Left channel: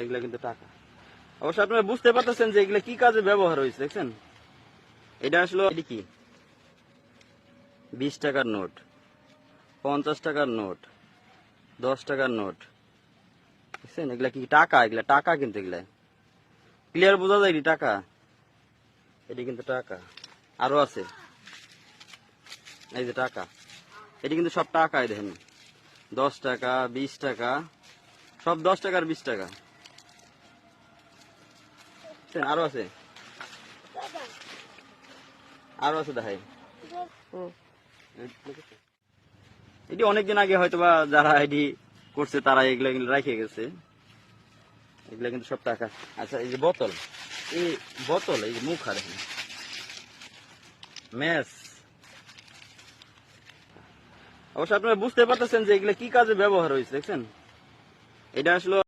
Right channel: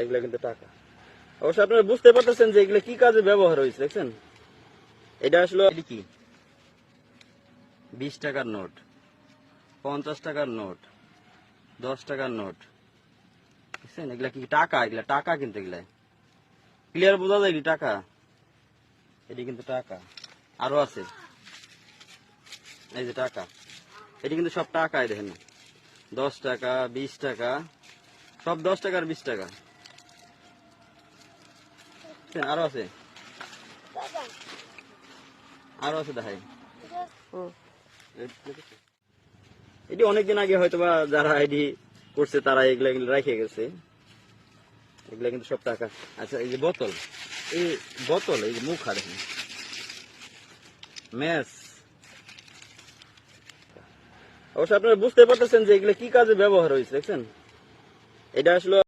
এগুলা কিন্তু টাকা। অবশ্য আপনারা বুঝতে পারতেছেন যে এগুলো কি কাজে ব্যবহার হয়েছে, দেখছেন? এটা আসলে কি 20 টাকার নোট, 50 টাকার নোট, 10 টাকার নোট, দেখছেন? এগুলা কি টাকা? এগুলা টাকা কিন্তু, এগুলা ক্লিয়ার বোঝা যায় টাকা। এটি কিন্তু টাকা। আরো আছে, এই যে টাকা, এটি কিন্তু সব টাকায়, দেখেন 10 টাকা, 20 টাকা, সব 10 টাকার 20 টাকা। আরো আছে, আরো আছে, দেখাই। এটি অনেকদিন আগে হয়তোবা যারা এটি করছে তারা এগুলো রেখে গেছে। এগুলা কিন্তু সব টাকা। আচ্ছা, এই যে বোতল, এই বোতল, এই যে মুখ আর মেস। অবশ্য আপনারা বুঝতে পারতেছেন যে এগুলো কি কাজে ব্যবহার হয়েছে, দেখছেন? এটা আসলে